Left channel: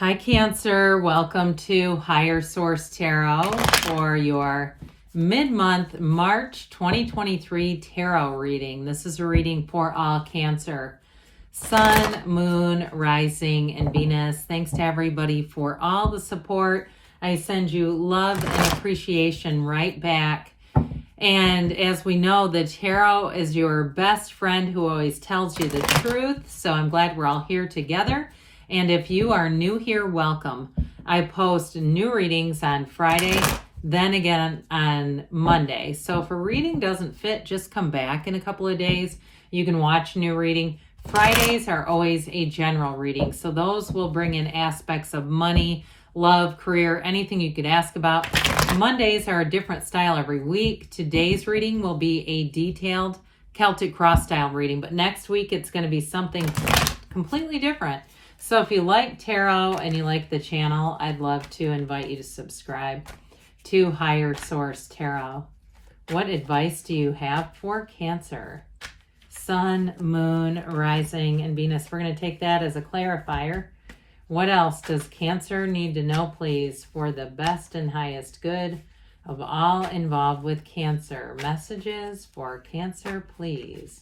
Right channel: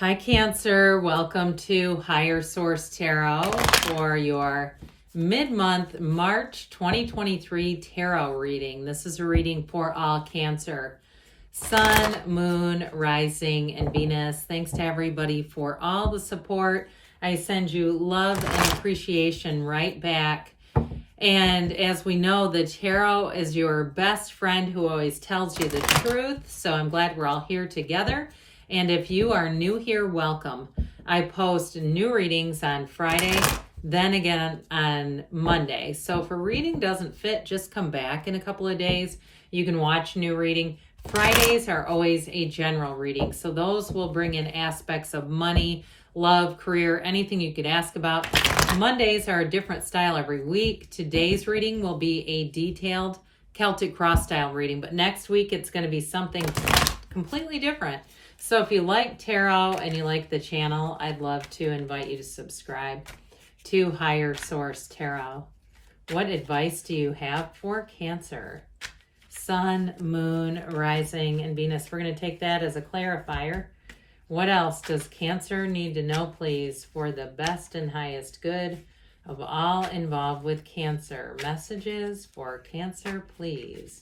Hi Cancer, welcome to Higher Source Tarot for your mid-month March 2023 tarot reading. This is a reading for all Cancer. Sun, Moon, Rising, and Venus. Thanks to everybody for all the support. I send you love and appreciation right back. And as we know, the tarot is your best friend who always tells you the truth. So I'm glad we're all here together. And if you are new here, welcome. I post new readings on Friday, then again on Monday. So if a reading doesn't fit, just come back in a couple of days. You can watch a new reading. Fridays are always a general reading. So those will bring in aspects of money, love, career, anything you could ask about. Mondays are a different style every week. Today's reading will be a detailed Celtic cross style reading, but next week it's going to be something completely different. So if you like tarot and you like the channel, I'd love to invite you to subscribe to Higher Source Tarot. What advice do you have for Cancer? Sun, Moon, Rising, and Venus. We're going to take that as a clarifier. What else does Cancer need to know, please, for the best and highest good of all involved with Cancer? Messages for Cancer, please.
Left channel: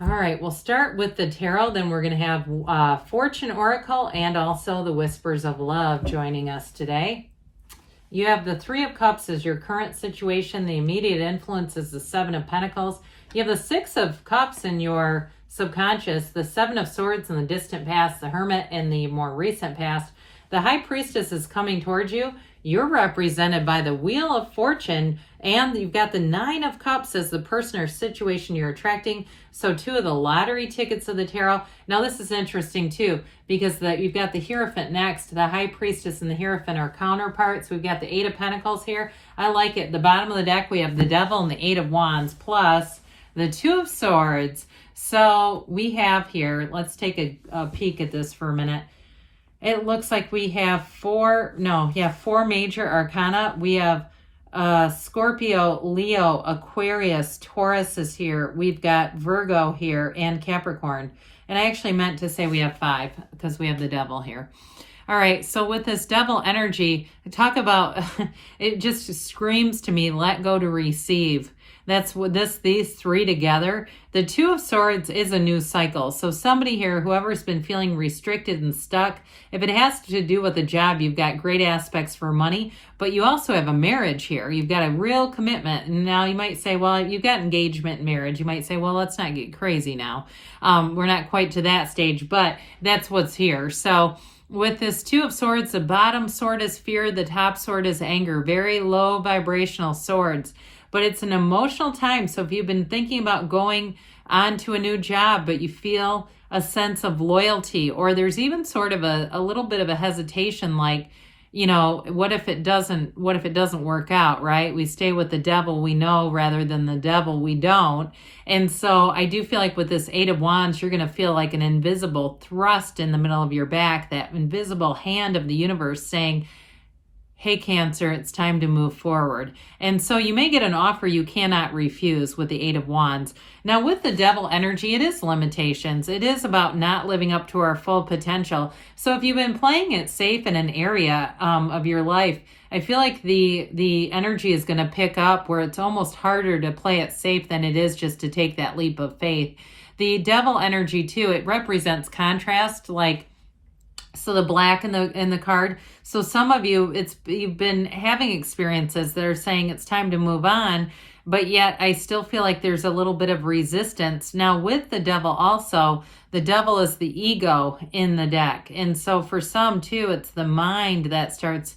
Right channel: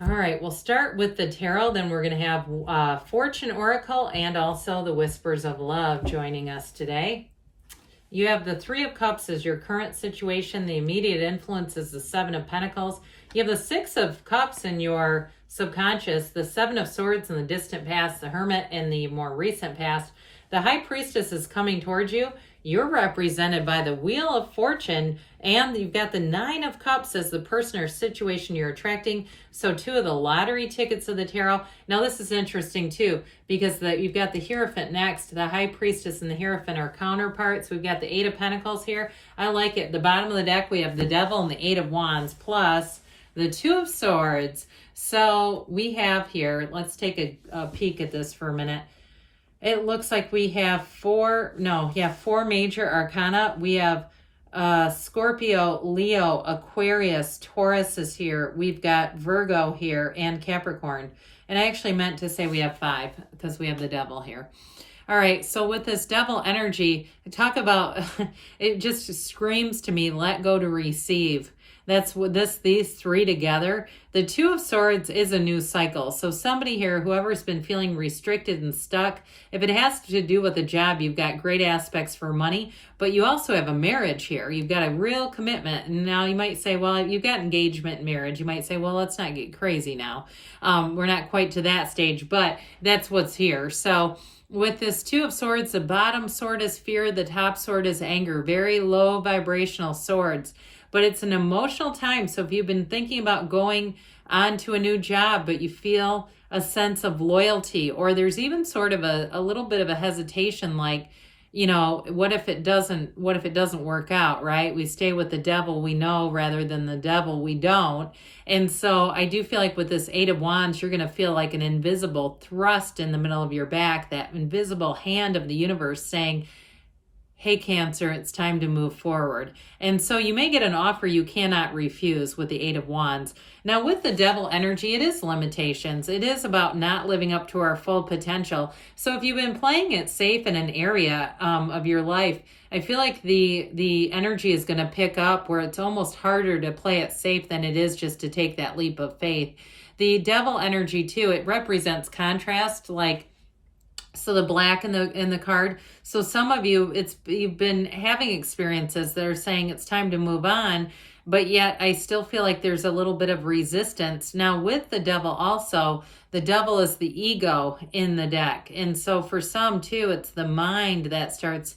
All right, we'll start with the tarot. Then we're going to have Fortune Oracle and also the Whispers of Love joining us today. You have the Three of Cups as your current situation. The immediate influence is the Seven of Pentacles. You have the Six of Cups in your subconscious, the Seven of Swords in the distant past, the Hermit in the more recent past. The High Priestess is coming towards you. You're represented by the Wheel of Fortune, and you've got the Nine of Cups as the person or situation you're attracting. So two of the lottery tickets of the tarot. Now this is interesting too, because you've got the Hierophant next. The High Priestess and the Hierophant are counterparts. We've got the Eight of Pentacles here. I like it. The bottom of the deck, we have the Devil and the Eight of Wands, plus the Two of Swords. So we have here, let's take a peek at this for a minute. It looks like we have four major arcana. We have Scorpio, Leo, Aquarius, Taurus is here. We've got Virgo here and Capricorn. And I actually meant to say we have five because we have the Devil here. All right, so with this Devil energy, talk about, it just screams to me, let go to receive. That's what these three together. The Two of Swords is a new cycle. So somebody here, whoever's been feeling restricted and stuck, if it has to do with a job, you've got great aspects for money, but you also have a marriage here. You've got a real commitment. And now you might say, well, you've got engagement and marriage. You might say, well, let's not get crazy now. We're not quite to that stage, but that's what's here. So with this Two of Swords, the bottom sword is fear, the top sword is anger. Very low vibrational swords. But it's an emotional time. So if you've been thinking about going on to a new job, but you feel a sense of loyalty, or there's even sort of a little bit of a hesitation, like, you know, what if it doesn't work out, right? We stay with the devil we know rather than the devil we don't. And so I do feel like with this Eight of Wands, you're going to feel like an invisible thrust in the middle of your back, that invisible hand of the universe saying, hey, Cancer, it's time to move forward. And so you may get an offer you cannot refuse with the Eight of Wands. Now, with the Devil energy, it is limitations. It is about not living up to our full potential. So if you've been playing it safe in an area of your life, I feel like the energy is going to pick up where it's almost harder to play it safe than it is just to take that leap of faith. The Devil energy, too, it represents contrast, like, so the black in the card. So some of you, you've been having experiences that are saying it's time to move on, but yet I still feel like there's a little bit of resistance. Now with the Devil also, the Devil is the ego in the deck. And so for some too, it's the mind that starts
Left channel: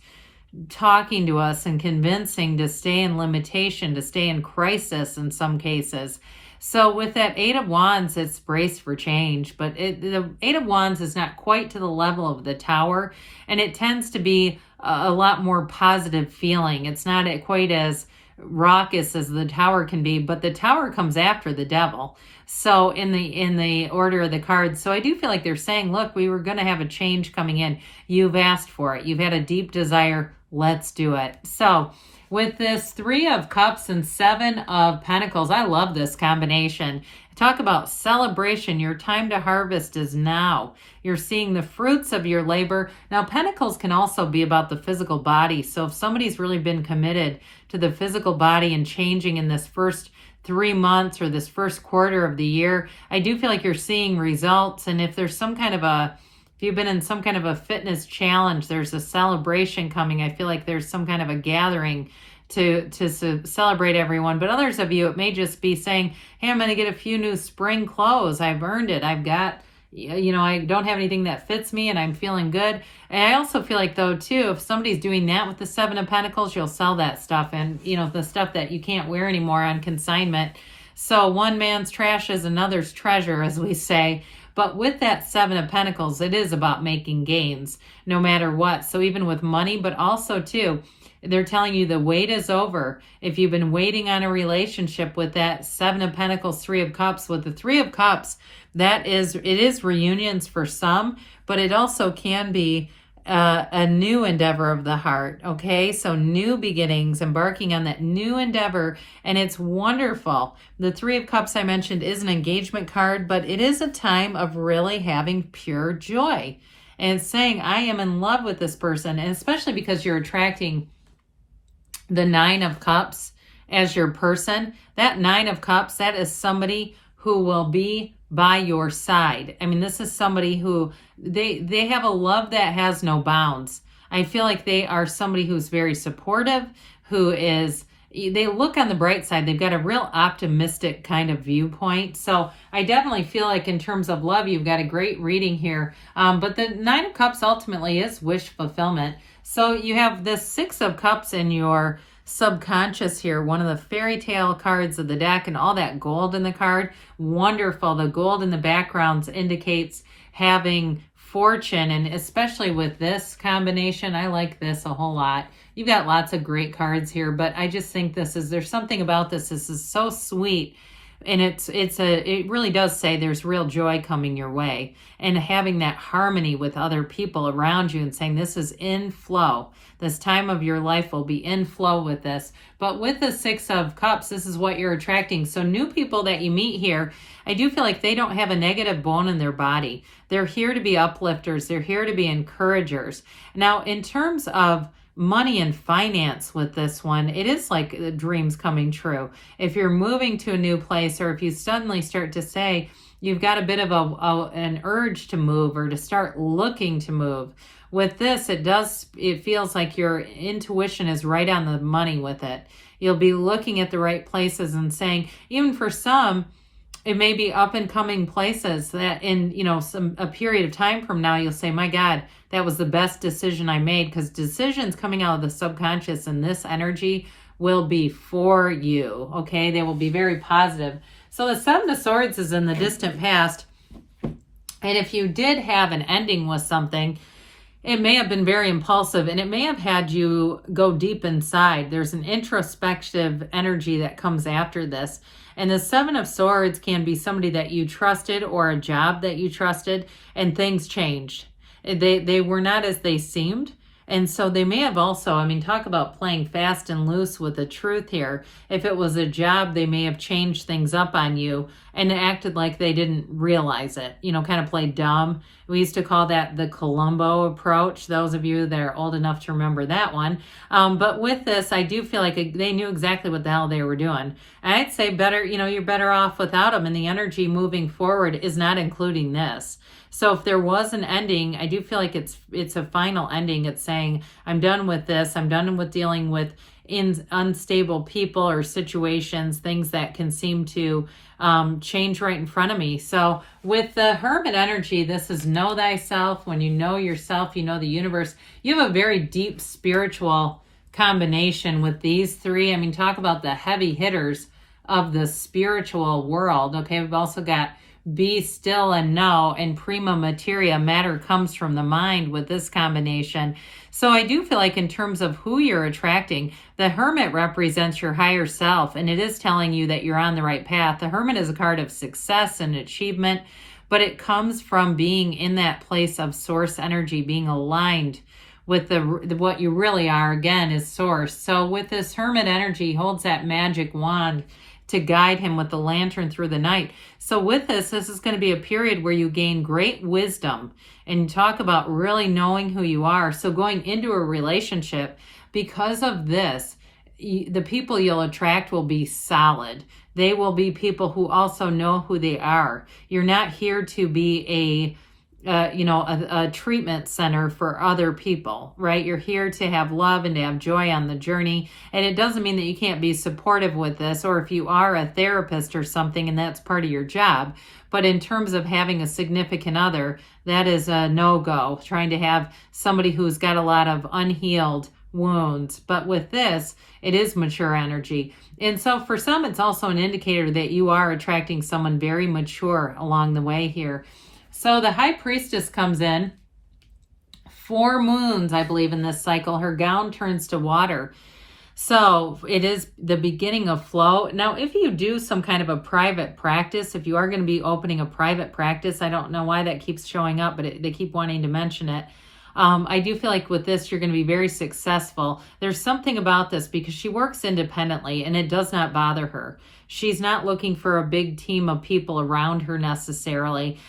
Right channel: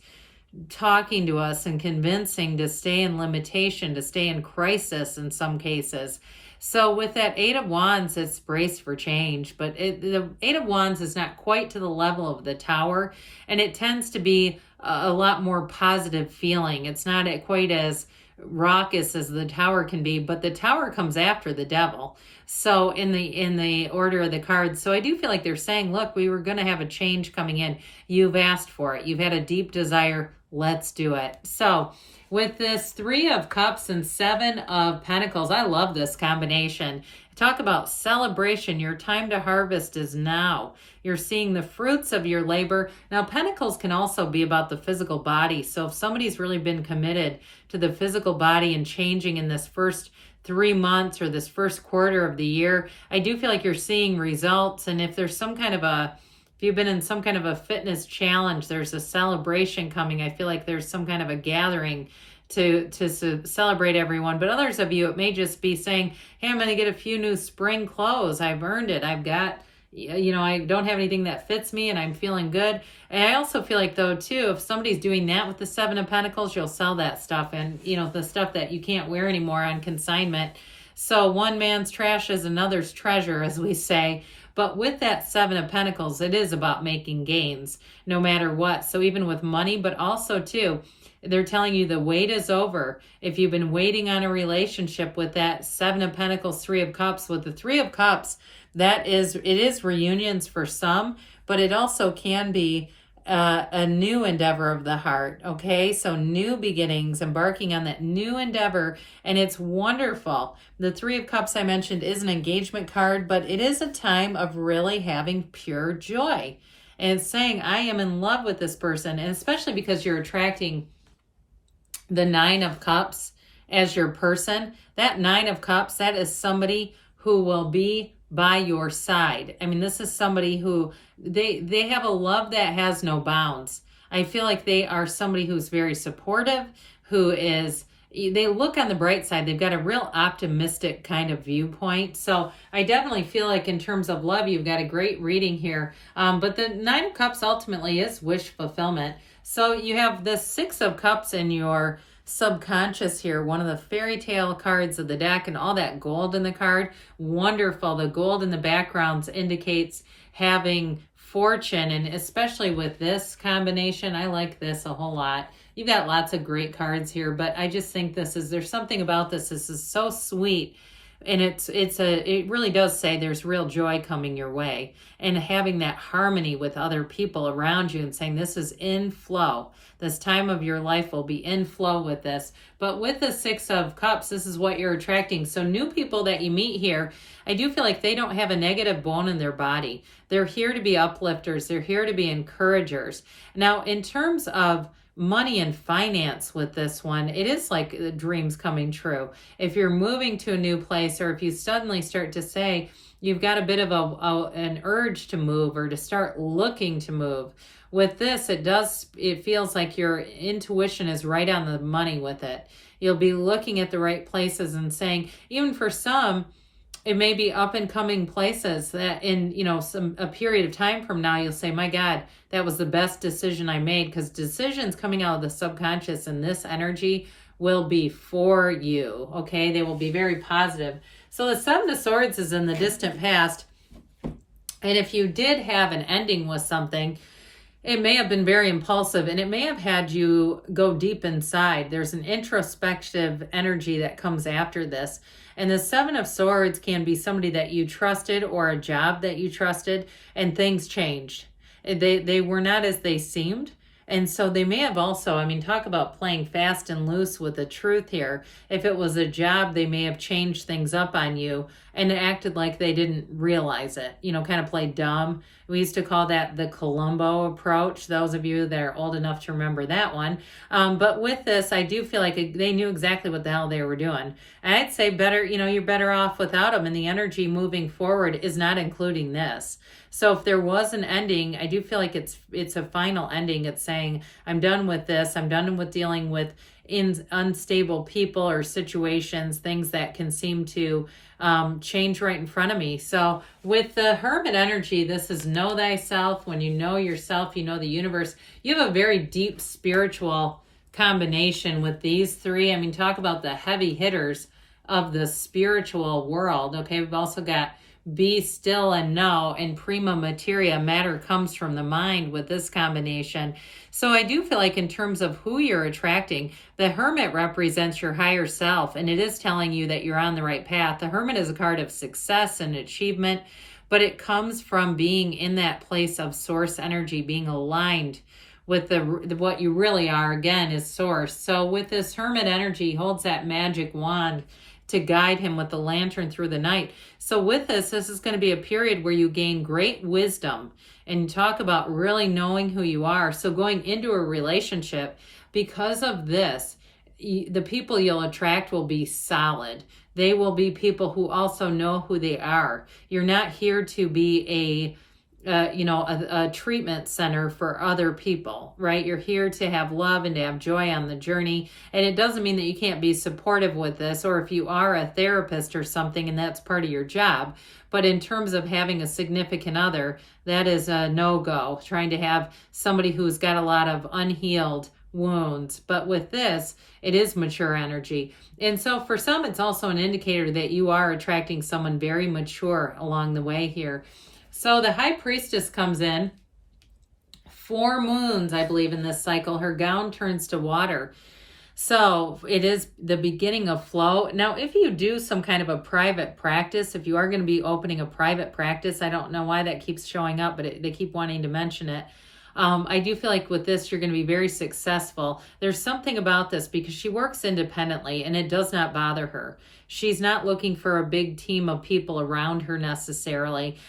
talking to us and convincing to stay in limitation, to stay in crisis in some cases. So with that Eight of Wands, it's brace for change, but the Eight of Wands is not quite to the level of the Tower, and it tends to be a lot more positive feeling. It's not quite as raucous as the Tower can be, but the Tower comes after the Devil. So in the order of the cards, so I do feel like they're saying, look, we were going to have a change coming in. You've asked for it. You've had a deep desire. Let's do it. So with this Three of Cups and Seven of Pentacles, I love this combination. Talk about celebration. Your time to harvest is now. You're seeing the fruits of your labor. Now, Pentacles can also be about the physical body. So if somebody's really been committed to the physical body and changing in this first 3 months or this first quarter of the year, I do feel like you're seeing results. And if there's some kind of if you've been in some kind of a fitness challenge, there's a celebration coming. I feel like there's some kind of a gathering to celebrate everyone. But others of you, it may just be saying, hey, I'm going to get a few new spring clothes. I've earned it. I've got, I don't have anything that fits me and I'm feeling good. And I also feel like, though, too, if somebody's doing that with the Seven of Pentacles, you'll sell that stuff. And, the stuff that you can't wear anymore on consignment. So one man's trash is another's treasure, as we say. But with that Seven of Pentacles, it is about making gains no matter what. So even with money, but also, too, they're telling you the wait is over. If you've been waiting on a relationship with that Seven of Pentacles, Three of Cups, with the Three of Cups, it is reunions for some, but it also can be a new endeavor of the heart. Okay, so new beginnings, embarking on that new endeavor, and it's wonderful. The Three of Cups I mentioned is an engagement card, but it is a time of really having pure joy and saying, I am in love with this person, and especially because you're attracting the Nine of Cups as your person. That Nine of Cups, that is somebody who will be by your side. I mean, this is somebody who they have a love that has no bounds. I feel like they are somebody who's very supportive, they look on the bright side. They've got a real optimistic kind of viewpoint. So I definitely feel like in terms of love, you've got a great reading here. But the Nine of Cups ultimately is wish fulfillment. So you have the Six of Cups in your subconscious here, one of the fairy tale cards of the deck, and all that gold in the card. Wonderful. The gold in the backgrounds indicates having fortune, and especially with this combination, I like this a whole lot. You've got lots of great cards here, but I just think there's something about this. This is so sweet. And it really does say there's real joy coming your way, and having that harmony with other people around you and saying this is in flow. This time of your life will be in flow with this. But with the Six of Cups, this is what you're attracting. So new people that you meet here, I do feel like they don't have a negative bone in their body. They're here to be uplifters. They're here to be encouragers. Now, in terms of money and finance with this one, it is like dreams coming true. If you're moving to a new place, or if you suddenly start to say you've got a bit of an urge to move or to start looking to move, with this, it feels like your intuition is right on the money with it. You'll be looking at the right places and saying, even for some, it may be up and coming places that in, a period of time from now, you'll say, my God, that was the best decision I made, because decisions coming out of the subconscious and this energy will be for you. Okay. They will be very positive. So the Seven of Swords is in the distant past. And if you did have an ending with something, it may have been very impulsive, and it may have had you go deep inside. There's an introspective energy that comes after this. And the Seven of Swords can be somebody that you trusted, or a job that you trusted, and things changed. They were not as they seemed. And so they may have also, talk about playing fast and loose with the truth here. If it was a job, they may have changed things up on you and acted like they didn't realize it, kind of play dumb. We used to call that the Columbo approach, those of you that are old enough to remember that one. But with this, I do feel like they knew exactly what the hell they were doing. And I'd say better, you're better off without them. And the energy moving forward is not including this. So if there was an ending, I do feel like it's a final ending. It's saying, I'm done with this. I'm done with dealing with unstable people or situations, things that can seem to change right in front of me. So with the Hermit energy, this is know thyself. When you know yourself, you know the universe. You have a very deep spiritual combination with these three. Talk about the heavy hitters of the spiritual world. Okay, we've also got be still and know, and prima materia, matter comes from the mind with this combination. So I do feel like in terms of who you're attracting, the Hermit represents your higher self, and it is telling you that you're on the right path. The Hermit is a card of success and achievement, but it comes from being in that place of source energy, being aligned with what you really are, again, is source. So with this Hermit energy, holds that magic wand to guide him with the lantern through the night. So with this is going to be a period where you gain great wisdom and talk about really knowing who you are. So going into a relationship, because of this, the people you'll attract will be solid. They will be people who also know who they are. You're not here to be a treatment center for other people, right? You're here to have love and to have joy on the journey. And it doesn't mean that you can't be supportive with this, or if you are a therapist or something and that's part of your job. But in terms of having a significant other, that is a no-go, trying to have somebody who's got a lot of unhealed wounds. But with this, it is mature energy. And so for some, it's also an indicator that you are attracting someone very mature along the way here. So the High Priestess comes in, 4 moons, I believe, in this cycle. Her gown turns to water. So it is the beginning of flow. Now, if you do some kind of a private practice, if you are going to be opening a private practice, I don't know why that keeps showing up, but they keep wanting to mention it. I do feel like with this, you're going to be very successful. There's something about this because she works independently and it does not bother her. She's not looking for a big team of people around her necessarily.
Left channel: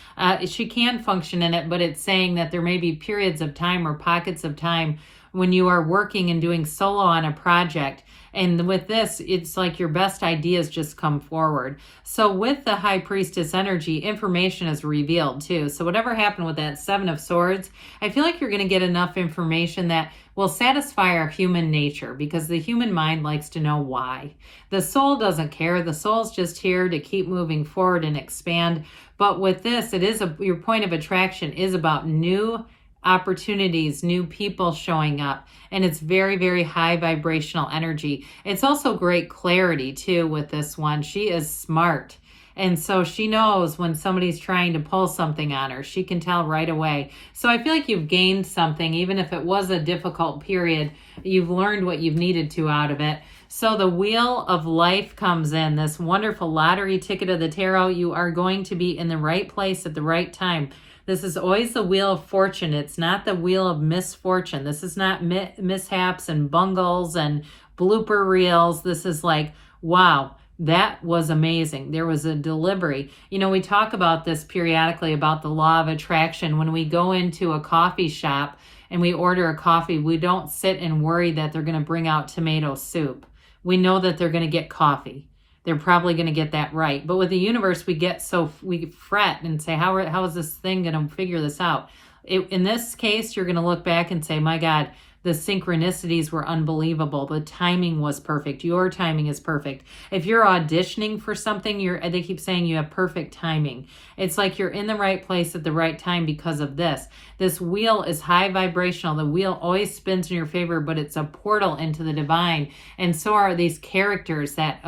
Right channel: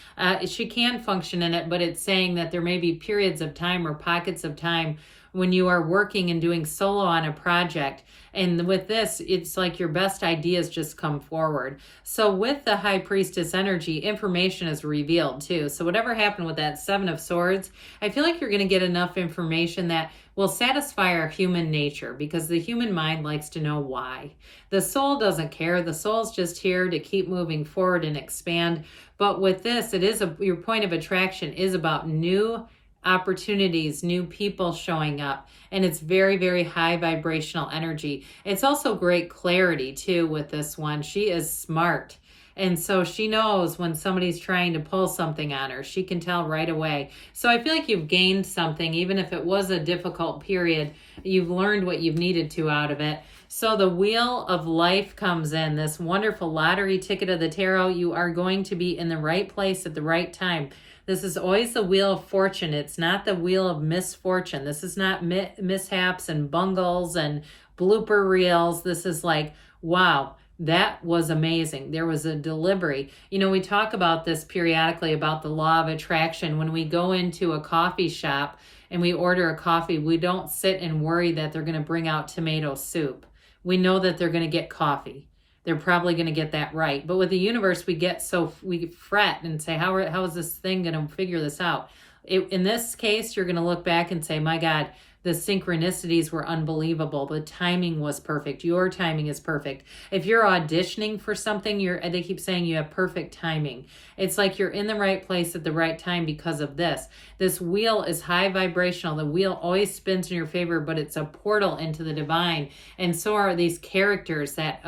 She can function in it, but it's saying that there may be periods of time or pockets of time when you are working and doing solo on a project. And with this, it's like your best ideas just come forward. So with the High Priestess energy, information is revealed too. So whatever happened with that 7 of Swords, I feel like you're going to get enough information that will satisfy our human nature, because the human mind likes to know why. The soul doesn't care. The soul's just here to keep moving forward and expand. But with this, it is your point of attraction is about new opportunities, new people showing up, and it's very, very high vibrational energy. It's also great clarity too with this one. She is smart, and so she knows when somebody's trying to pull something on her. She can tell right away. So I feel like you've gained something, even if it was a difficult period. You've learned what you've needed to out of it. So the Wheel of Life comes in, this wonderful lottery ticket of the tarot. You are going to be in the right place at the right time. This is always the Wheel of Fortune. It's not the Wheel of Misfortune. This is not mishaps and bungles and blooper reels. This is like, wow, that was amazing. There was a delivery. You know, we talk about this periodically about the law of attraction. When we go into a coffee shop and we order a coffee, we don't sit and worry that they're going to bring out tomato soup. We know that they're going to get coffee. They're probably going to get that right. But with the universe, we fret and say, how is this thing going to figure this out? In this case, you're going to look back and say, my God, the synchronicities were unbelievable. The timing was perfect. Your timing is perfect. If you're auditioning for something, they keep saying you have perfect timing. It's like you're in the right place at the right time because of this. This wheel is high vibrational. The wheel always spins in your favor, but it's a portal into the divine. And so are these characters that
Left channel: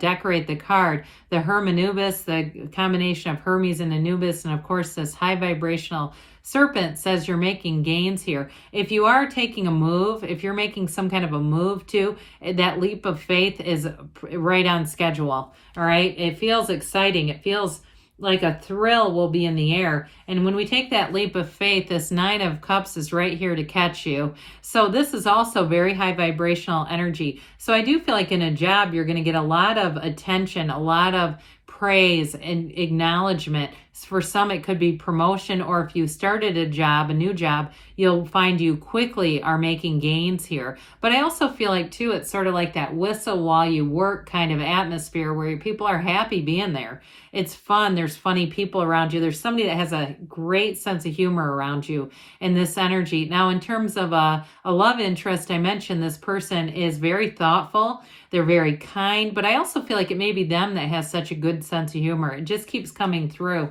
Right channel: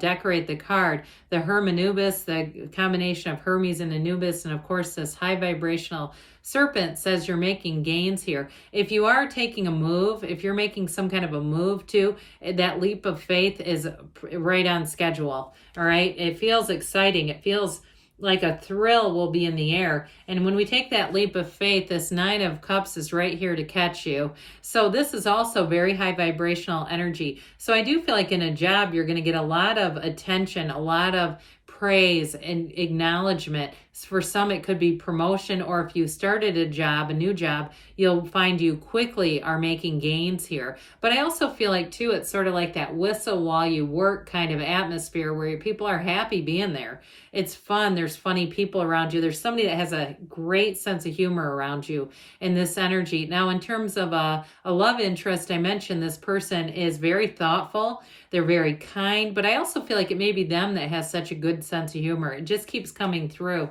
decorate the card. The Hermanubis, the combination of Hermes and Anubis, and of course this high vibrational Serpent says you're making gains here. If you are taking a move, if you're making some kind of a move too, that leap of faith is right on schedule. All right. It feels exciting. It feels like a thrill will be in the air. And when we take that leap of faith, this 9 of Cups is right here to catch you. So this is also very high vibrational energy. So I do feel like in a job, you're going to get a lot of attention, a lot of praise and acknowledgement. For some, it could be promotion, or if you started a job, a new job, you'll find you quickly are making gains here. But I also feel like, too, it's sort of like that whistle while you work kind of atmosphere where people are happy being there. It's fun. There's funny people around you. There's somebody that has a great sense of humor around you in this energy. Now, in terms of a love interest, I mentioned this person is very thoughtful. They're very kind, but I also feel like it may be them that has such a good sense of humor. It just keeps coming through.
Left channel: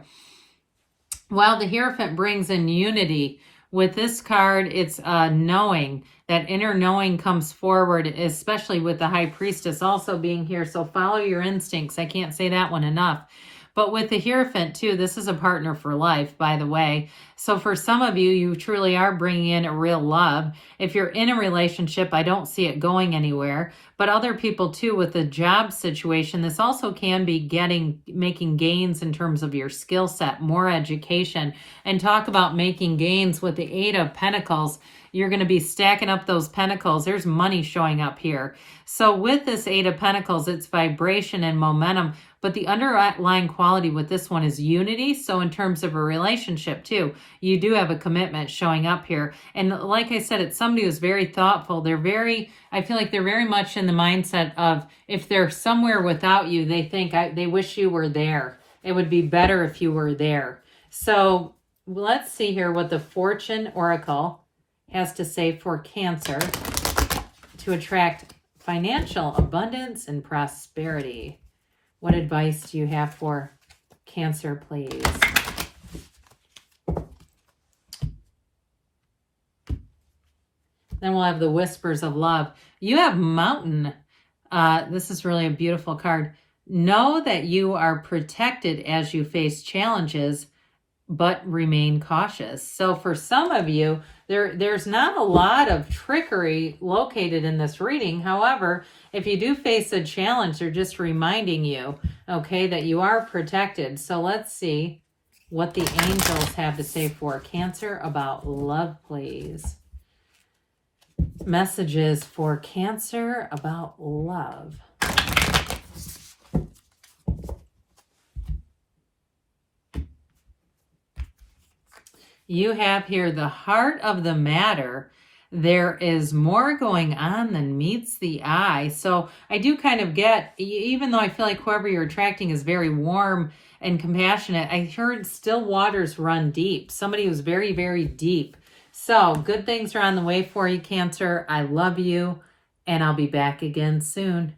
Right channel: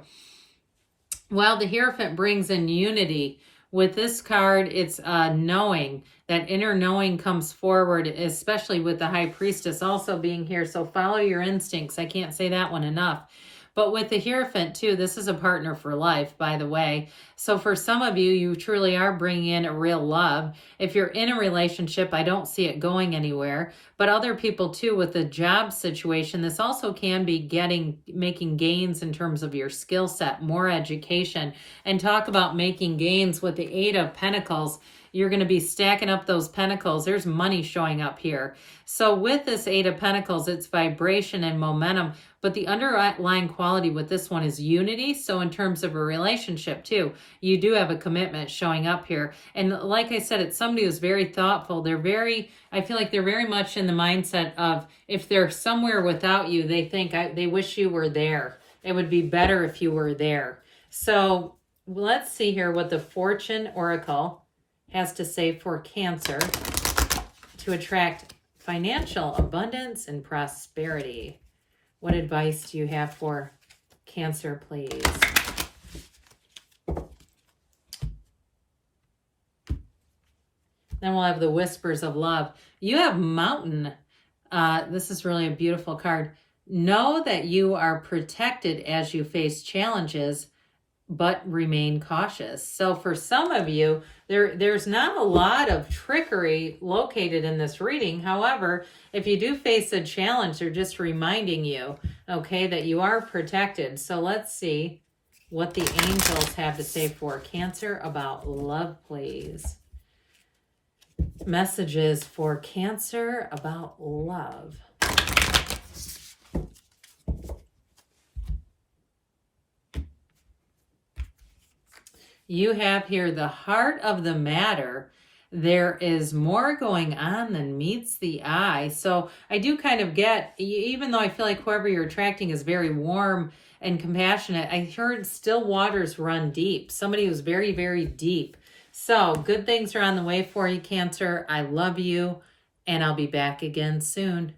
While the Hierophant brings in unity, with this card, it's knowing. That inner knowing comes forward, especially with the High Priestess also being here. So follow your instincts. I can't say that one enough. But with the Hierophant, too, this is a partner for life, by the way. So for some of you, you truly are bringing in a real love. If you're in a relationship, I don't see it going anywhere. but other people too with the job situation. This also can be making gains in terms of your skill set, more education, and talk about making gains with the Eight of Pentacles. You're going to be stacking up those pentacles. There's money showing up here. So with this Eight of Pentacles, it's vibration and momentum, but the underlying quality with this one is unity. So in terms of a relationship too, you do have a commitment showing up here. And like I said, it's somebody who's very thoughtful. I feel like they're very much in the mindset of if they're somewhere without you, they think they wish you were there. It would be better if you were there. So let's see here what the Fortune Oracle has to say for Cancer to attract financial abundance and prosperity. What advice do you have for Cancer, please? Then we'll have the Whispers of Love. You have Mountain. This is really a beautiful card. Know that you are protected as you face challenges, but remain cautious. So for some of you, there's not a lot of trickery located in this reading. However, if you do face a challenge, they're just reminding you, okay, that you are protected. So let's see what the angels have to say for Cancer about love, please. Messages for Cancer about love. You have here the heart of the matter. There is more going on than meets the eye. So I do kind of get, even though I feel like whoever you're attracting is very warm and compassionate, I heard still waters run deep. Somebody who's very, very deep. So good things are on the way for you, Cancer. I love you, and I'll be back again soon.